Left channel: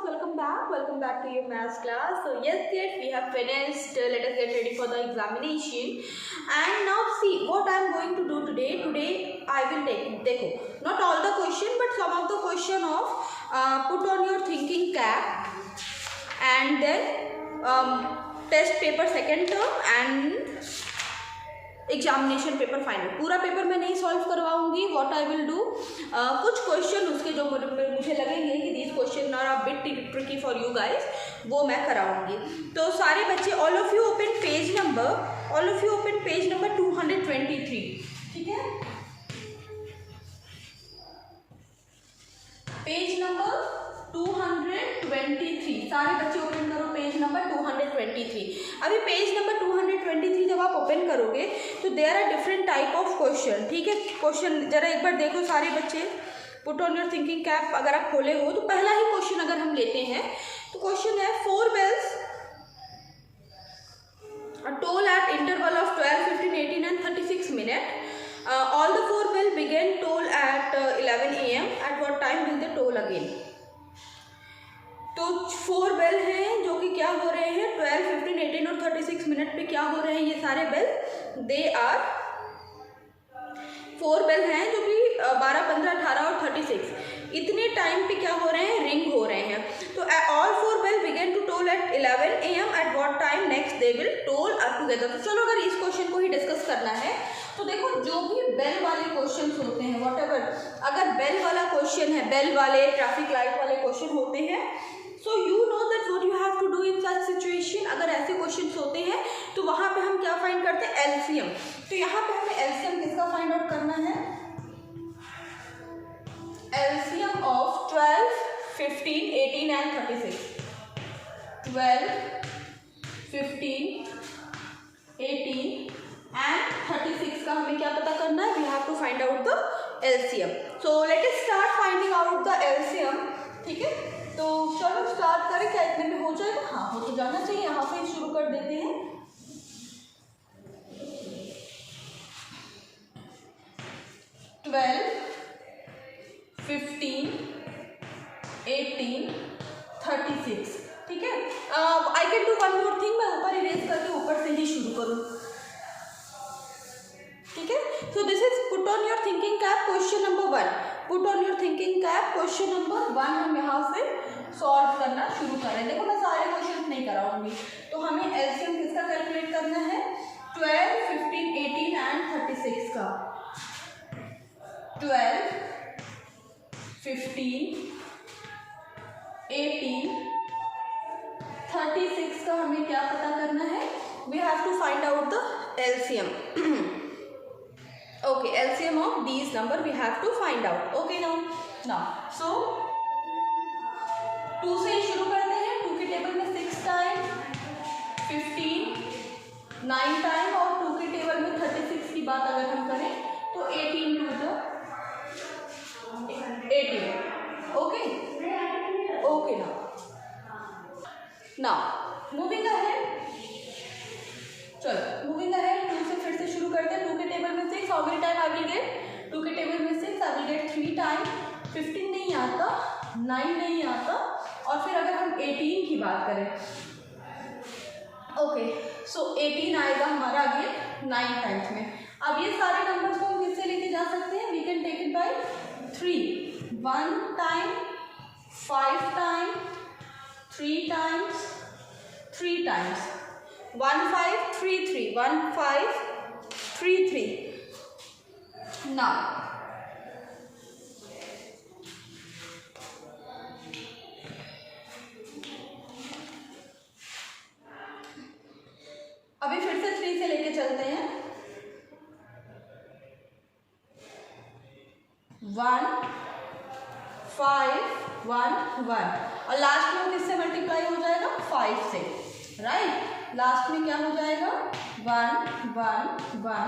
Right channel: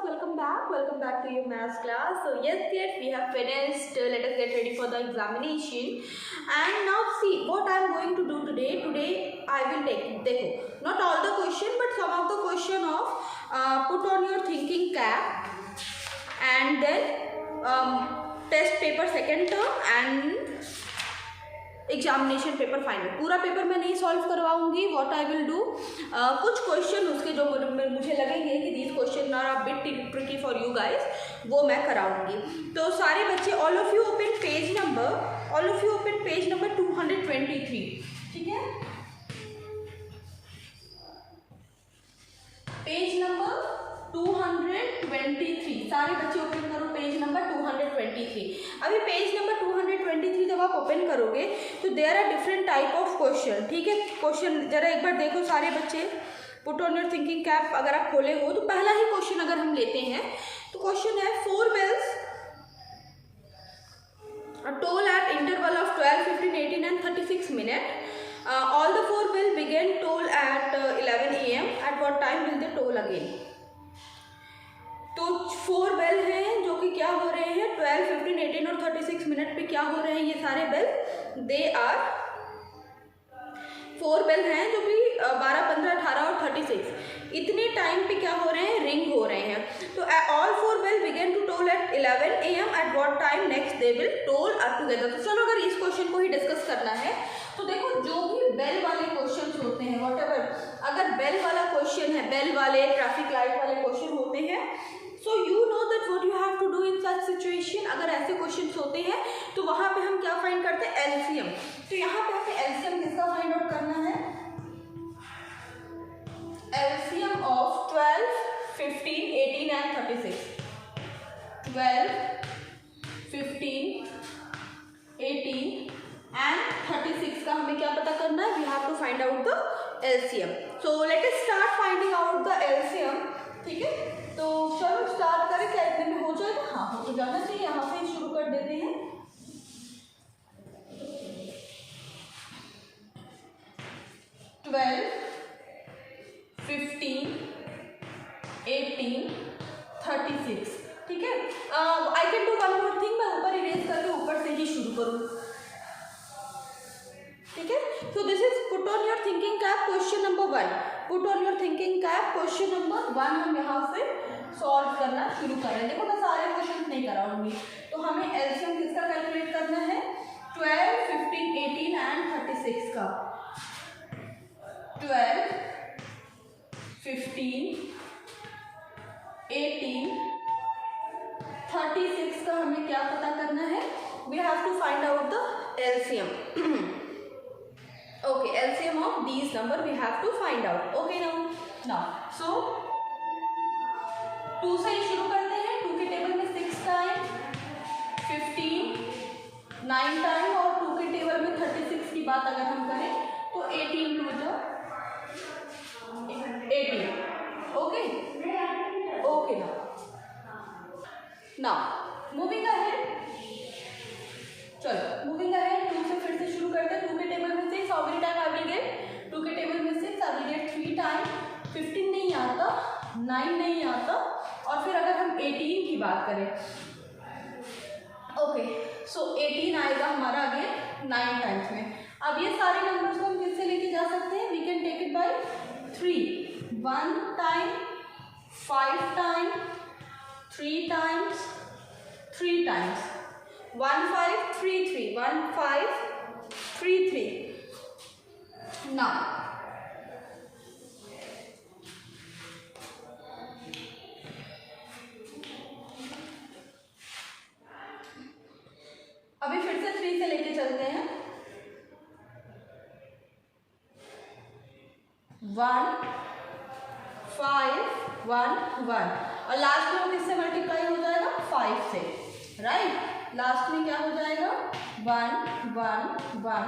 Welcome back to your maths class. So yes, we have finished. Let us get ready for the examination. And now see what I am going to do today. Today I will take, देखो, not all the question but some of the question of put on your thinking cap and then test paper second term and examination paper final. पूरा paper मैं नहीं solve करवाऊंगी. What I will do, कुछ question उसके जो मुझे लगेंगे कि these questions are a bit tricky for you guys, वो मैं कराऊंगी. तो सारे बच्चे all of you open page number 223. ठीक है, पेज नंबर 223. सारे बच्चे ओपन करो पेज नंबर 223. अभी पेज नंबर 223 जब आप ओपन करोगे तो there are different type of question. ठीक है, क्वेश्चन जरा एक बार देखो सारे बच्चे. Put on your thinking cap अगर आप खोले हो तो पहला ही क्वेश्चन अगर हम लेते हैं तो क्वेश्चन है 4 bells toll at interval of 12, 15, 18 and 36 minutes. All the 4 bells began toll at 11 AM. At what time will they toll again? तो 4 बेल हैं जो कि क्या हो रहे हैं 12, 15, 18 और 36 मिनट पे क्या हो रहे हैं ये सारे बेल. दे आर 4 बेल हैं जो कि 12, 15, 18 और 36 इतने टाइम पे क्या हो रहे हैं, रिंग हो रहे हैं. तो all 4 bell begin to toll at 11 AM. At what time next they will toll together. तो चलो अगर इस क्वेश्चन को ही डिस्कस करना है तो देखो जो भी बेल वाले क्वेश्चन होते हैं व्हाटएवर, अगर बेल वाला क्वेश्चन है, बेल वाले ट्रैफिक लाइट वाले क्वेश्चन होते हैं, so you know that what you have to do in such situation. अगर ऐसे क्वेश्चंस होते हैं तो वहाँ पे हम क्या फाइंड करते हैं, एलसीएम. तो यहाँ पे हमें एलसीएम किसका फाइंड आउट करना है, एलसीएम ऑफ 12, 15, 18 एंड 36. 12, 15, 18 एंड 36 का हमें क्या पता करना है, we have to find out the LCM. So let us start finding out the LCM. ठीक है, तो चलो स्टार्ट करें. क्या इतने में हो जाएगा? हाँ, हो तो जाना चाहिए. यहाँ पे शुरू कर देते हैं. 12, 15, 18, 36. ठीक है, I can do one more thing. मैं ऊपर इरेज करके ऊपर से ही शुरू करूँ. ठीक है, so this is put on your thinking cap question number 1. Put on your thinking cap question number 1 हम यहाँ से सॉल्व करना शुरू करें. देखो मैं सारे क्वेश्चन नहीं कराऊंगी. तो हमें एलसीएम किसका कैलकुलेट करना है, 12, 15, 18 एंड 36 का. 12, 15, 18, 36 का हमें क्या पता करना है, we have to find out the LCM. Okay, LCM of these number we have to find out. Okay now so 2 से ही शुरू करते हैं. 2 के टेबल में 6 टाइम, 15 9 टाइम और 2 के टेबल में 36 की बात अगर हम करें तो 18 to the 18. Okay now moving ahead. चलो मूविंग अहेड. 2 से फिर से शुरू करते हैं. 2 के टेबल में 6, how many time I will get, 2 के टेबल में 6 आई विल गेट 3 टाइम. 15 नहीं आता, 9 नहीं आता और फिर अगर हम 18 की बात करें, ओके सो 18 आएगा हमारा अगेन 9 टाइम्स में. अब ये सारे नंबर्स को हम किससे लेके जा सकते हैं, we can take it by 3. 1 time, 5 time, 3 times, 3 times. 1 5 3 3, 1 5 3 3. Now अभी फिर से 3 से लेके चलते हैं. 1 5 1 1 और लास्ट में किससे मल्टीप्लाई हो जाएगा, 5 से. राइट, लास्ट में क्या हो जाएगा, 1 1 1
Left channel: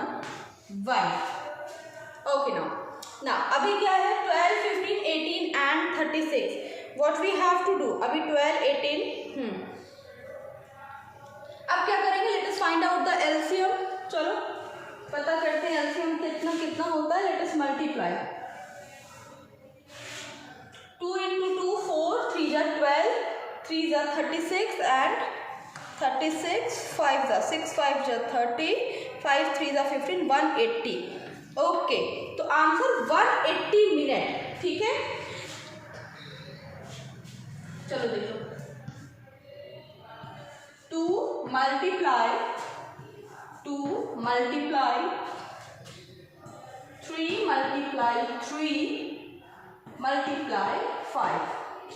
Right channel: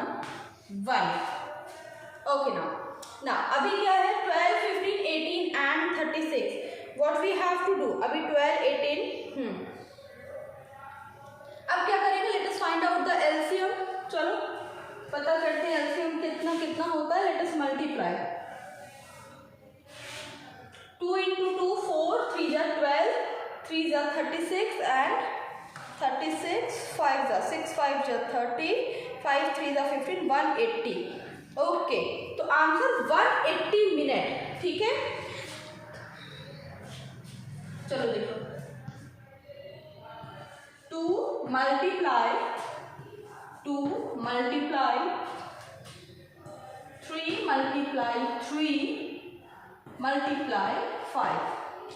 1. ओके ना अभी क्या है, 12, 15, 18 and 36. What we have to do, अभी 12, 18 अब क्या करेंगे, let us find out the LCM. चलो पता करते हैं एलसीएम कितना कितना होता है. Let us multiply. 2 into 2 4, 3 are 12, 3 जा 36 एंड 36 5 जा 6 5 जा 30 5 3 जा 15 180। ओके, तो आंसर 180 मिनट। ठीक है, चलो देखो 2 मल्टीप्लाई 3 मल्टीप्लाई 3 मल्टीप्लाई 5।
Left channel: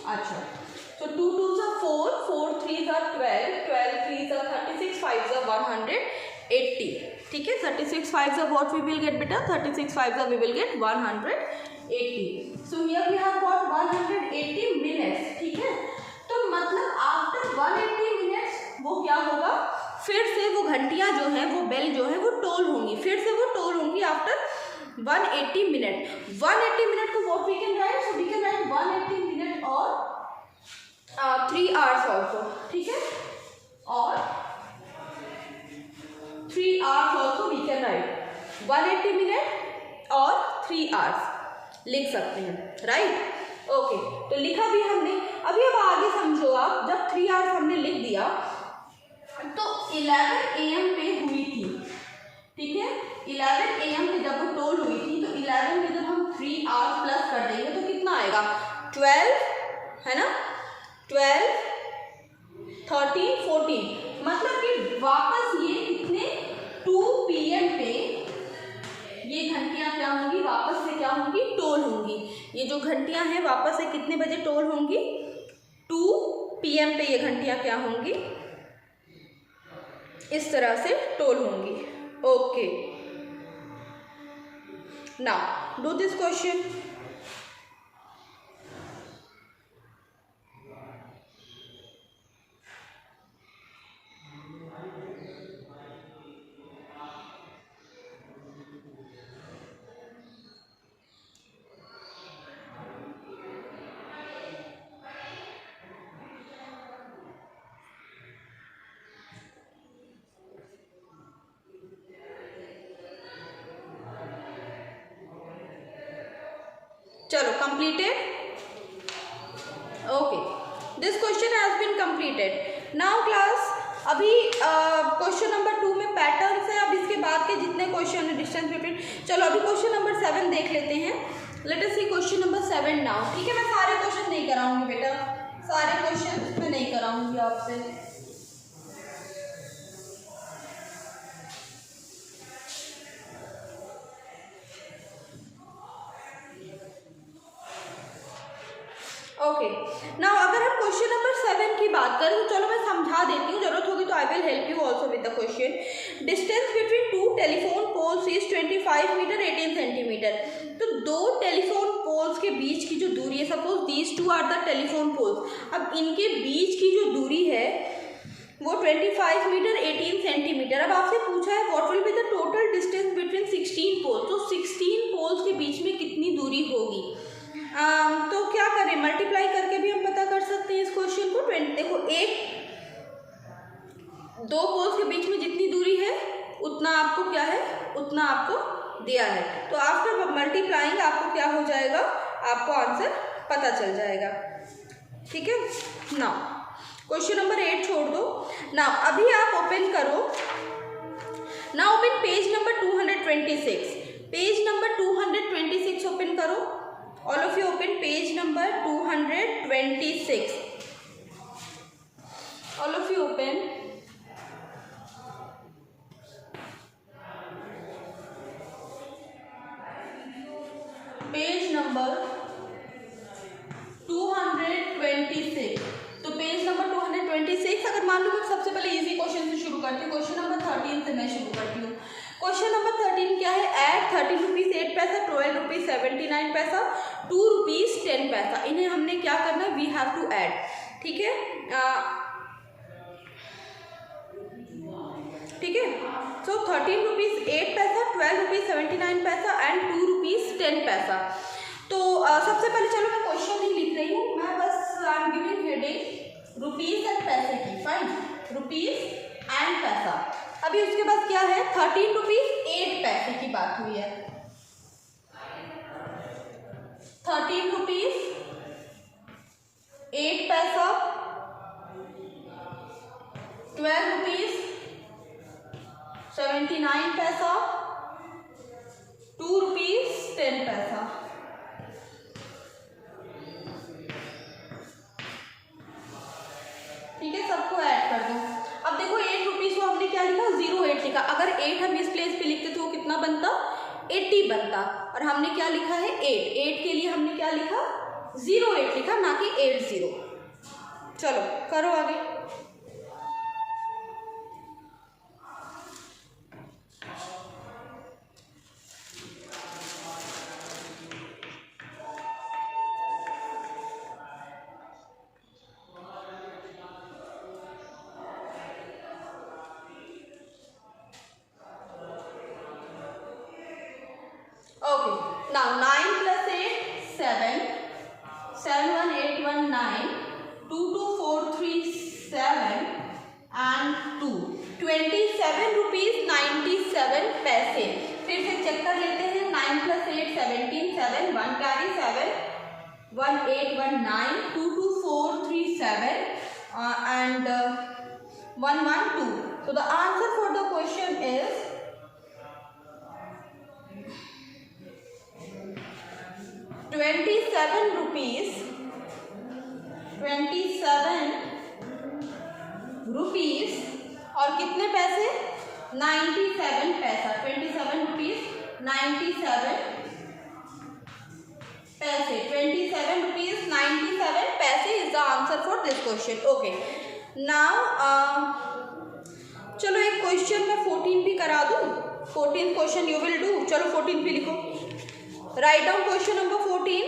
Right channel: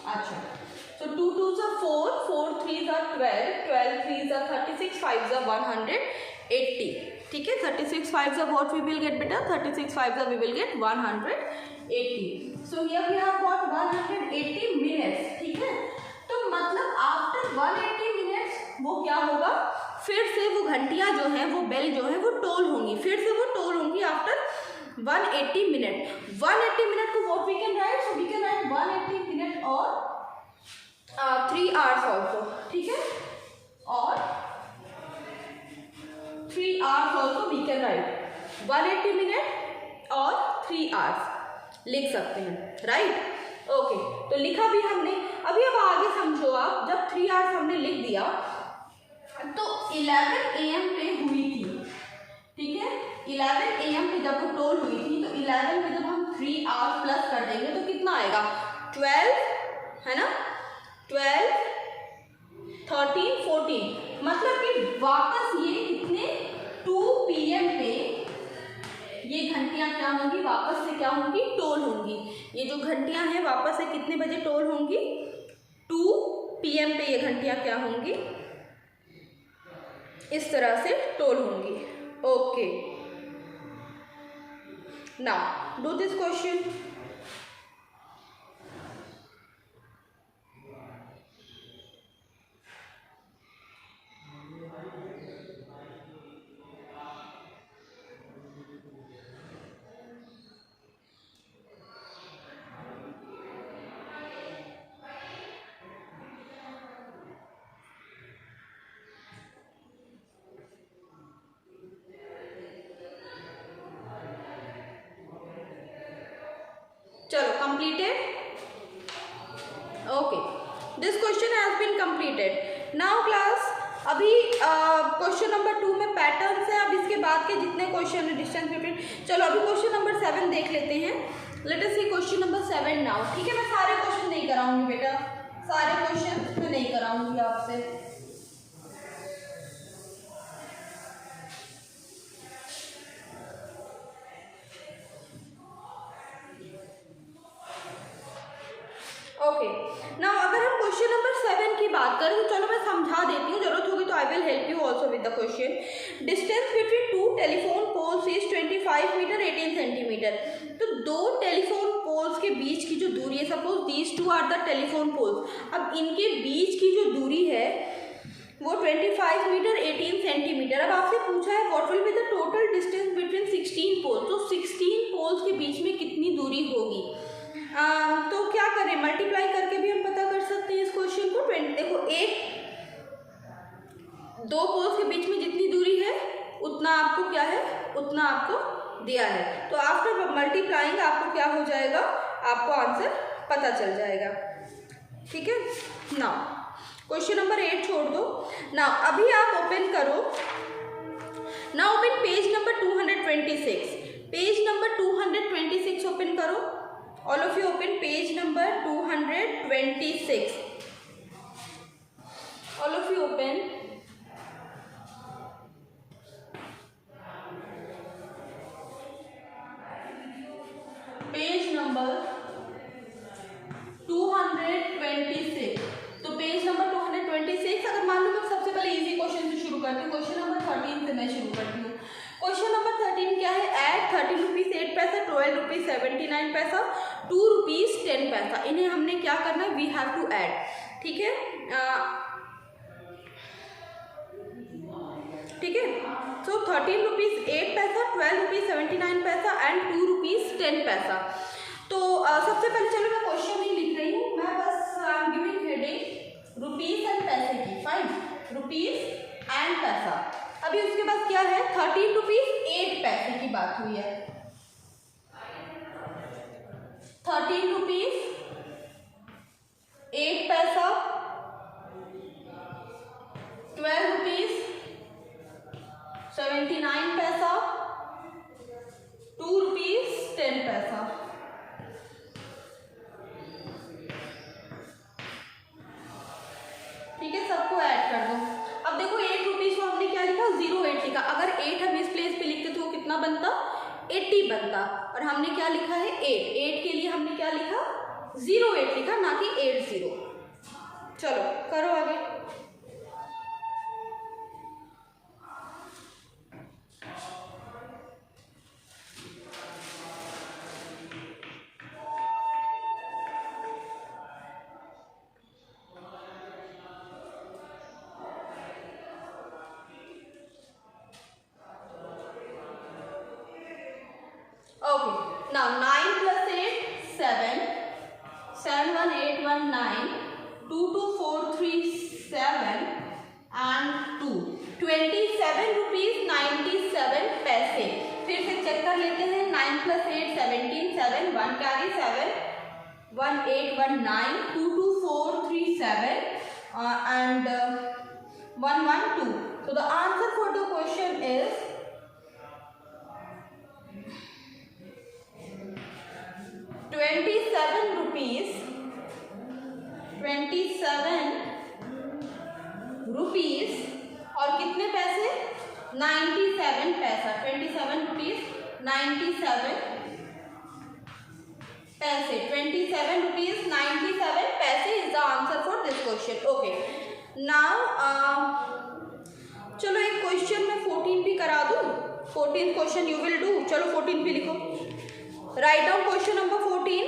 अच्छा, तो 2 2 जा 4 4 3 जा 12 12 3 जा 36 5 जा 180। ठीक है, 36 5 जा what we will get बेटा, 36 5 जा we will get 180। so here we have got 180 minutes। ठीक है, तो मतलब आफ्टर 180 मिनट्स वो क्या होगा, फिर से वो घंटियां जो है, वो बेल जो है वो टोल होंगी, फिर से वो टोल होंगी आफ्टर 180 मिनट। 180 मिनट को what we can write, so we can write 180 minute और 3 आवर्स ऑल्सो। ठीक है, और 3 hours also we can write, 180 minute और 3 आवर्स लिख सकते हैं। राइट, ओके, तो लिखा भी हमने। अभी अब आगे समझो आप, जब 3 आवर्स हमने लिख दिया तो 11 AM पे हुई थी। ठीक है, 11 AM पे जब वो टोल हुई थी, तो 11 पे जब हम 3 आवर्स प्लस कर देंगे तो कितना आएगा, 12 है ना, 12 13 14, मतलब कि वापस ये कितने 2 PM पे ये घंटियां क्या होंगी, वापस से क्या होंगी, टोल होंगी। ये जो घंटियां हैं वापस से कितने बजे टोल होंगी, 2 PM पे ये घंटियां क्या होंगी, इस तरह से टोल होंगी। Okay, now do this question. चलो, completed। Okay, this question has been completed। Now class, अभी क्वेश्चन नंबर 2 में पैटर्न्स है। अब इसके बाद के जितने क्वेश्चन है डिस्टेंस बिटवीन, चलो अभी क्वेश्चन नंबर 7 देख लेते हैं। लेट अस सी क्वेश्चन नंबर 7 नाउ। ठीक है, मैं सारे क्वेश्चन नहीं कराऊंगी बेटा, सारे क्वेश्चन मैं नहीं कराऊंगी आपसे। ओके, नाउ अगर हम क्वेश्चन नंबर 7 की बात करें तो चलो मैं समझा देती हूँ, जरूरत होगी तो I will help you also with the question. Distance between 2 telephone poles is 25 metre 18 centimetre. तो 2 टेलीफोन पोल्स के बीच की जो दूरी है, suppose these 2 are the telephone poles, अब इनके बीच की जो दूरी है वो 25 मीटर 18 सेंटीमीटर। अब आपसे पूछा है what will be the total distance between 16 poles, तो 16 पोल्स के बीच में कितनी दूरी होगी। तो क्या करें, मल्टीप्लाई करके भी हम पता कर सकते हैं इस क्वेश्चन को। देखो, दो पोल्स के बीच में जितनी दूरी है उतना आपको क्या है, उतना आपको दिया है। तो आफ्टर मल्टीप्लाइंग आपको क्या हो जाएगा, आपको आंसर पता चल जाएगा। ठीक है, नाउ क्वेश्चन नंबर 8 छोड़ दो। नाउ अभी आप ओपन करो, now open page number 226। Page number 226 open करो। All of you open page number 226. All of you open. Page number 226. तो पेज नंबर 226, अगर मान लो मैं सबसे पहले इजी क्वेश्चन से शुरू करती हूँ। क्वेश्चन नंबर 13 से मैं शुरू करती हूँ। क्वेश्चन नंबर 13 क्या है, ऐड 13 रुपीज़ 8 पैसा, 12 रुपीज़ 79 पैसा, 2 रुपीज़ 10 पैसा। इन्हें हमने क्या करना है, वी हैव टू ऐड। ठीक है, ठीक है, सो 13 रुपीज़ 8 पैसा, 12 रुपीज़ 79 पैसा एंड 2 रुपीज़ 10 पैसा। तो सबसे पहले चलो मैं क्वेश्चन नहीं लिख रही हूँ, मैं बस I am giving heading rupees and पैसे की। फाइन, रुपीज़ एंड पैसा। अभी उसके बाद क्या है, 13 रुपीज़ 8 पैसे की बात हुई है। 13 रुपीज़ 8 पैसा ₹12.79, ₹2.10। ठीक है, सबको ऐड कर दो। अब देखो 8 रुपीज को हमने क्या लिखा, 08 लिखा। अगर 8 हम इस प्लेस पे लिखते तो वो कितना बनता, 80 बनता। और हमने क्या लिखा है, 8 के लिए हमने क्या लिखा, 08 लिखा, ना कि 80। चलो करो आगे। Okay, now 9 plus 8, 7, 7 1 8 1 9, 2 2 4 3 7 and 2, 27.97 rupees. फिर से चेक कर लेते हैं। 9 plus 8 17, 7 1 carry 7 1 8 1 9, 2 2 4 3 7 and 1 1 2. So the answer for the question is 27 rupees और कितने पैसे, 97 पैसा। 27 रुपीज 97 पैसे। 27 रुपीज 97 पैसे is the answer for this question. Okay, now चलो एक क्वेश्चन में 14 भी करा दूं। 14 क्वेश्चन यू विल डू। चलो 14 भी लिखो। Write down question number 14.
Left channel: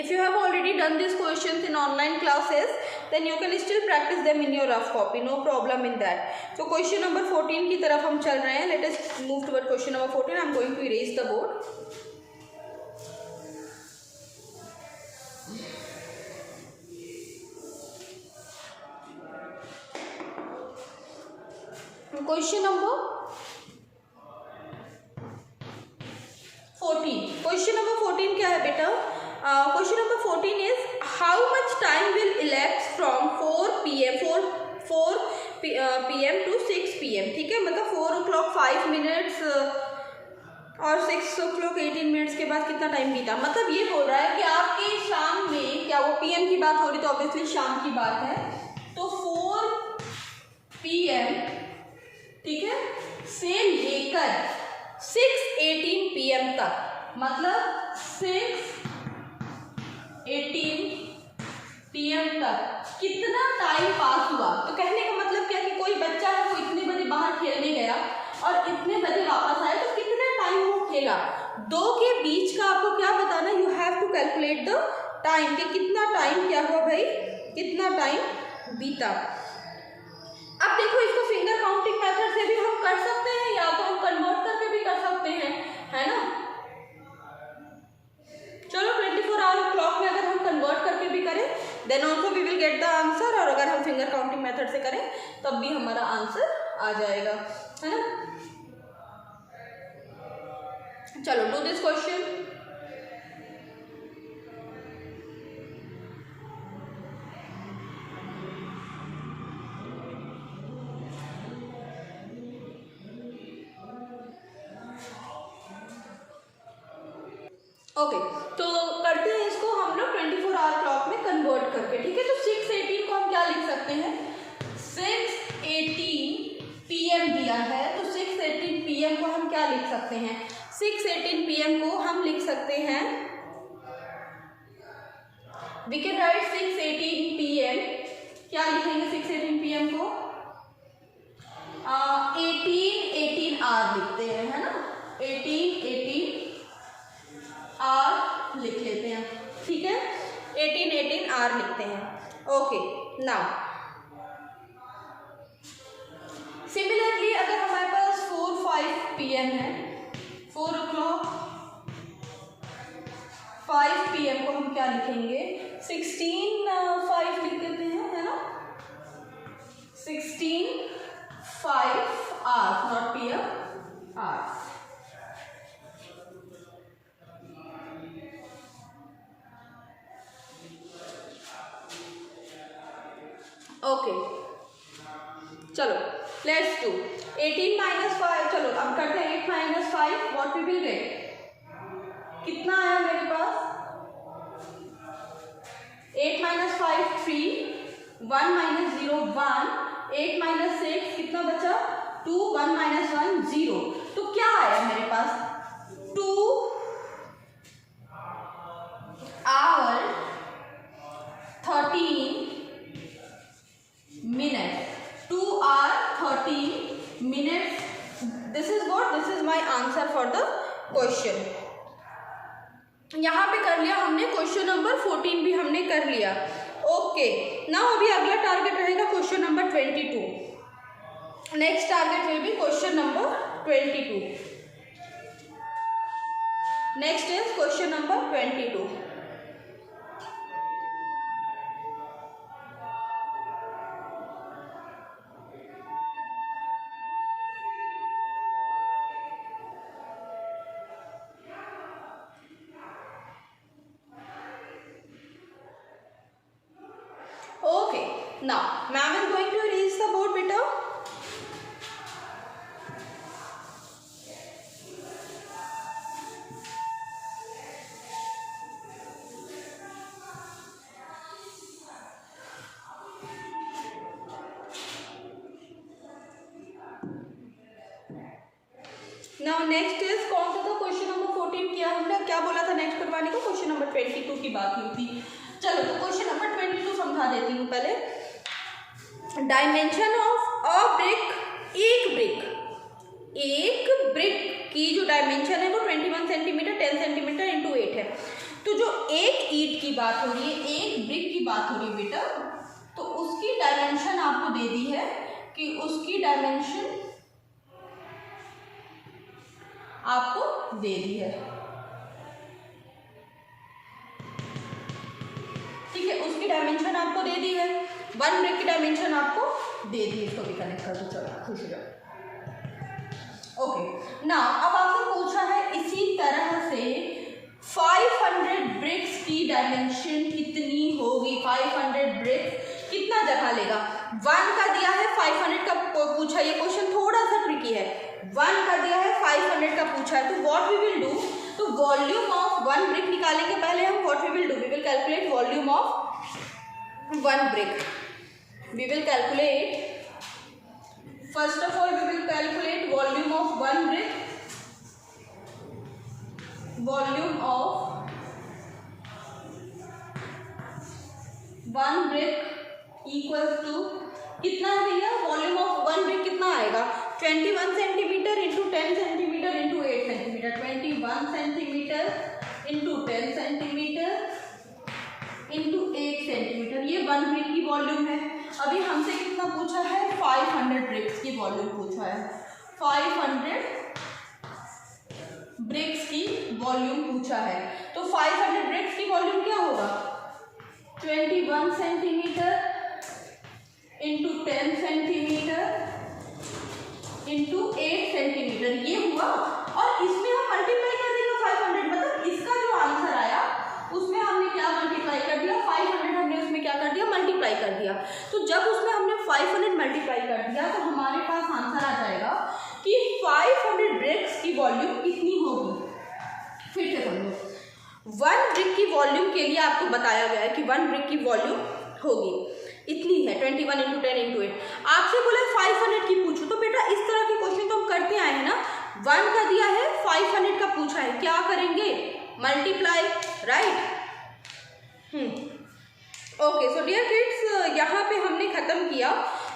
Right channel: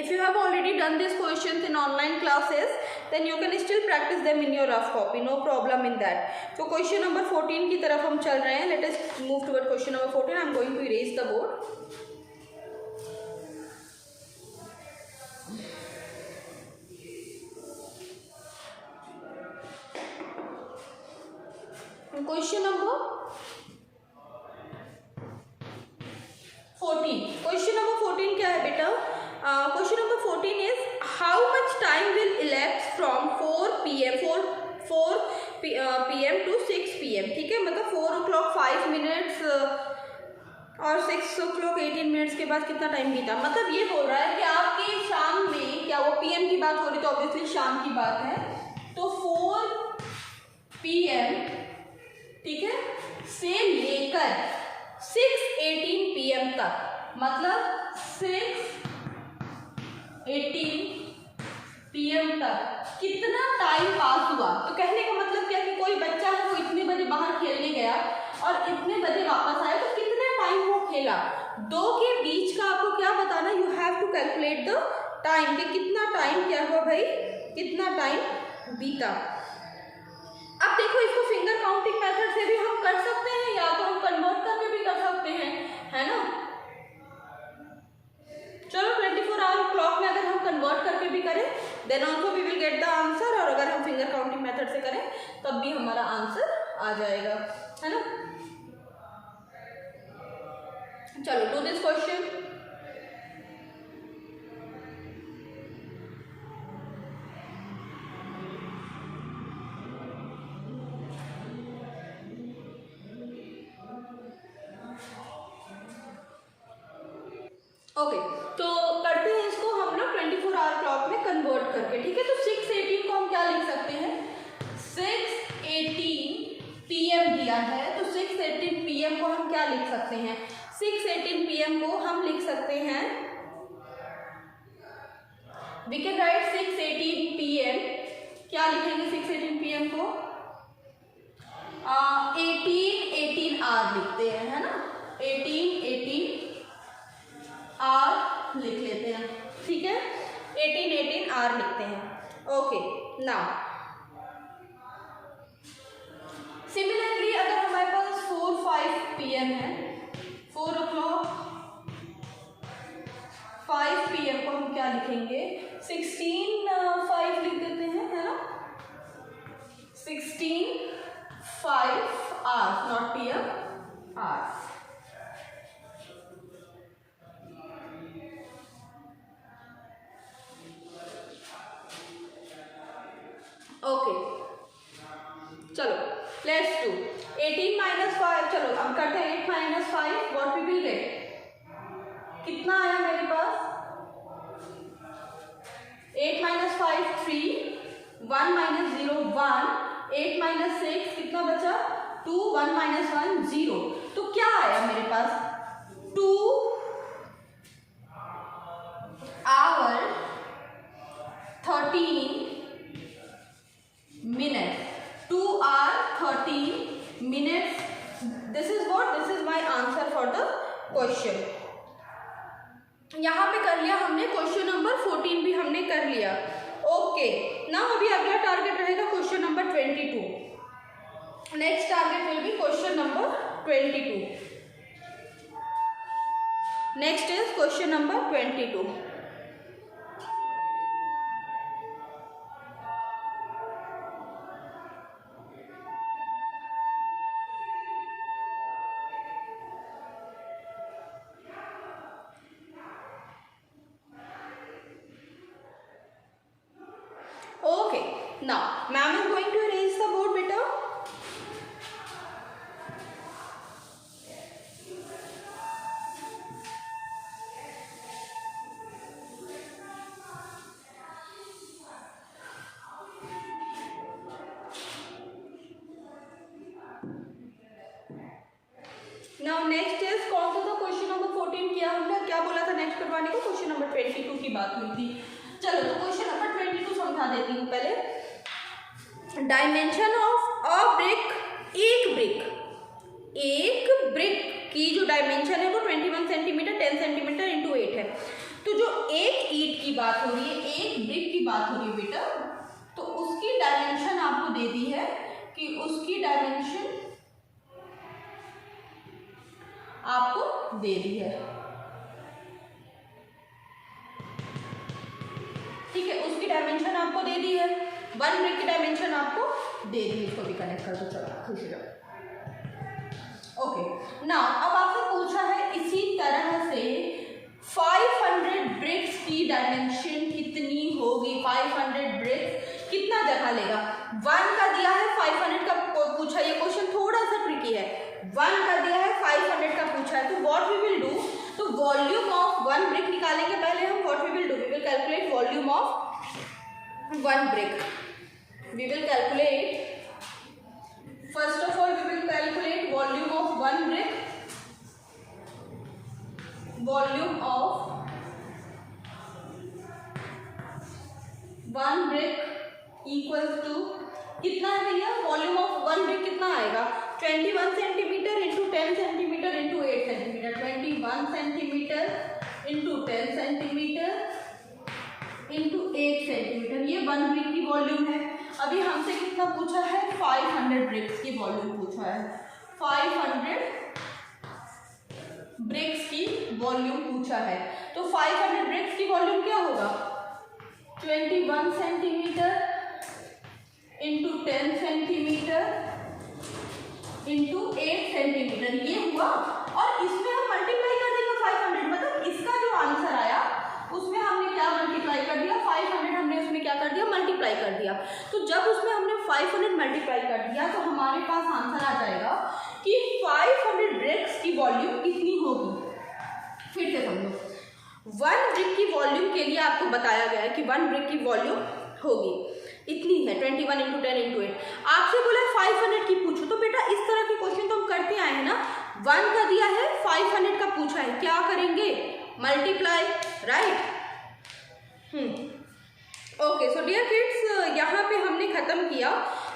If you have already done these questions in online classes, then you can still practice them in your rough copy. No problem in that. So question number 14 की तरफ हम चल रहे हैं. Let us move toward question number 14. I am going to erase the board. Question number 14. Question number 14 क्या है बेटा? Question number 14 is how much time will elapse from 4 PM to 6 PM. ठीक है, मतलब 4 o'clock 5 minutes और 6 o'clock 18 minutes के बाद कितना टाइम बीता। मतलब ये बोल रहा है कि आपकी शाम में, क्या वो PM की बात हो रही, तो ऑब्वियसली शाम की बात है, तो 4 PM ठीक है से लेकर 6:18 PM तक, मतलब 6:18 PM तक कितना टाइम पास हुआ। तो कहने का मतलब क्या कि कोई बच्चा है वो इतने बजे बाहर खेलने गया और इतने बजे वापस आया, तो कितना टाइम वो खेला। दो के बीच का आपको क्या बताना, you have to calculate the time, कि कितना टाइम क्या हुआ भाई, कितना टाइम बीता। अब देखो इसको फिंगर काउंटिंग मेथड से भी हम कर सकते हैं, या तो हम कन्वर्ट करके भी कर सकते हैं, है ना। चलो 24 आवर क्लॉक में अगर हम कन्वर्ट करके भी करें then also we will get the answer, और अगर हम फिंगर काउंटिंग मेथड से करें तब भी हमारा आंसर आ जाएगा, है ना। चलो डू दिस क्वेश्चन। ओके, तो करते हैं इसको हम लोग 24 आवर क्लॉक में कन्वर्ट करके, ठीक है। तो 6:18 को हम क्या लिख सकते हैं, 6:18 PM दिया है, तो 6:18 PM को हम क्या लिख सकते हैं, 6:18 PM को हम लिख सकते हैं, वी कैन राइट 6:18 PM। क्या लिखेंगे 6:18 PM को, 18 आवर लिखते हैं, है ना, 18 आर लिख लेते हैं, ठीक है, 18 आर लिखते हैं। ओके, नाउ सिमिलरली अगर हमारे पास 4-5 PM है, 4 o'clock 5 PM को हम क्या लिखेंगे, 16:05 लिख देते हैं, है ना, 16:05 hours, not PM, hours. Okay चलो लेट्स डू 18 माइनस 5, चलो अब करते हैं 8 minus 5, what we will get, कितना आया मेरे पास 8 माइनस 5 3, 1 माइनस 0 1, 8 माइनस 6 कितना बचा 2, 1 माइनस 1 0, तो क्या आया मेरे पास 2 our 13 minutes, 2 hour 13 minutes. This is what, this is my answer for the question. यहाँ पे कर लिया हमने क्वेश्चन नंबर 14 भी हमने कर लिया. ओके नाउ अभी अगला टारगेट रहेगा question number 22. Next target will be question number 22. Next is question number 22. Now, ma'am is going to erase the board, beta. Now next is कौन सा था क्वेश्चन नंबर 14 किया हमने, क्या बोला था नेक्स्ट करवाने को, क्वेश्चन नंबर 22 की बात हुई थी. चलो तो क्वेश्चन नंबर 22 समझा देती हूँ पहले. डायमेंशन ऑफ अ ब्रिक, एक ब्रिक की जो डायमेंशन है वो 21 सेंटीमीटर 10 सेंटीमीटर इंटू 8 है. तो जो एक ईंट की बात हो रही है, एक ब्रिक की बात हो रही है बेटा, तो उसकी डायमेंशन आपको दे दी है कि उसकी डायमेंशन आपको दे दी है. ठीक है, उसकी डायमेंशन आपको दे दी है, वन ब्रिक की डायमेंशन आपको दे दी. इसको भी कनेक्ट कर दो, चलो खुश हो जाओ. ओके ना, अब आपसे पूछा है इसी तरह से 500 ब्रिक्स की डायमेंशन कितनी होगी. 500 ब्रिक्स कितना जगह लेगा. 1 का दिया है, 500 का पूछा. ये क्वेश्चन थोड़ा सा ट्रिकी है. 1 का दिया है, 500 का पूछा है. तो व्हाट वी विल डू, तो वॉल्यूम ऑफ वन ब्रिक निकालेंगे पहले हम. What we will do, we will calculate volume of one brick. We will calculate, first of all we will calculate volume of one brick. Volume of one brick equals to कितना है भैया, volume of one brick कितना आएगा 21 centimetre into 10 centimetre into 8 centimetre. 21 centimetre into 10 centimetre into 8 centimetre. ये one brick की volume है. अभी हमसे कितना पूछा है, 500 ब्रिक्स की वॉल्यूम पूछा है. 500 ब्रिक्स की वॉल्यूम पूछा है. तो 500 ब्रिक्स की वॉल्यूम क्या होगा, 21 centimetre into 10 centimetre into 8 centimetre ये हुआ. और इसमें हम मल्टीप्लाई कर देंगे 500, मतलब इसका जो आंसर आया उसमें हमने क्या मल्टीप्लाई कर दिया, 500 हमने उसमें क्या कर दिया, मल्टीप्लाई कर दिया. तो जब उसमें हमने 500 मल्टीप्लाई कर दिया तो हमारे पास आंसर आ जाएगा कि 500 ब्रिक्स की वॉल्यूम कितनी होगी. फिर से समझो, वन ब्रिक की वॉल्यूम के लिए आपको बताया गया है कि वन ब्रिक की वॉल्यूम होगी इतनी है 21 इंटू 10 इंटू 8. आपसे बोला 500 की पूछो. तो बेटा इस तरह के क्वेश्चन तो हम करते आए हैं ना. 1 का दिया है, 500 का पूछा है, क्या करेंगे, multiply, right. Okay so dear kids, यहाँ पे हमने ख़त्म किया.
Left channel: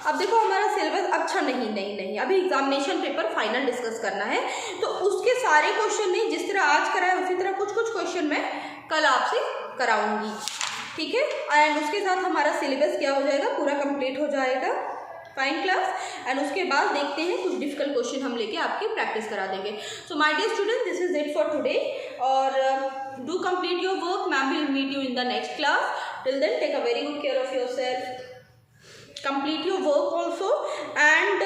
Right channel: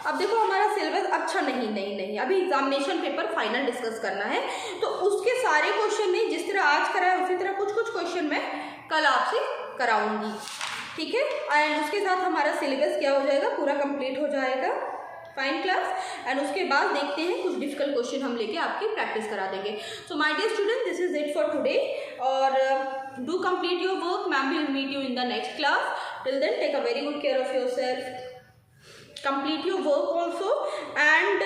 अब देखो हमारा सिलेबस, अच्छा नहीं अभी एग्जामिनेशन पेपर फाइनल डिस्कस करना है. तो उसके सारे क्वेश्चन नहीं, जिस तरह आज कराया उसी तरह कुछ क्वेश्चन मैं कल आपसे कराऊंगी. ठीक है, एंड उसके साथ हमारा सिलेबस क्या हो जाएगा, पूरा कंप्लीट हो जाएगा. Fine class. एंड उसके बाद देखते हैं कुछ डिफिकल्ट क्वेश्चन हम लेके आपकी प्रैक्टिस करा देंगे. So my dear student, this is it for today. और do complete your work. Ma'am will meet you in the next class. Till then take a very good care of yourself. Complete your work also. And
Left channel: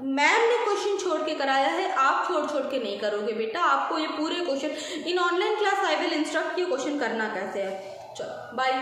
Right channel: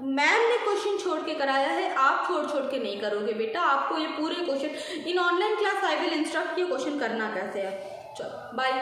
ma'am ने question छोड़ के कराया है, आप छोड़ के नहीं करोगे बेटा. आपको ये पूरे question in online class I will instruct ये क्वेश्चन करना कैसे है. चलो बाय.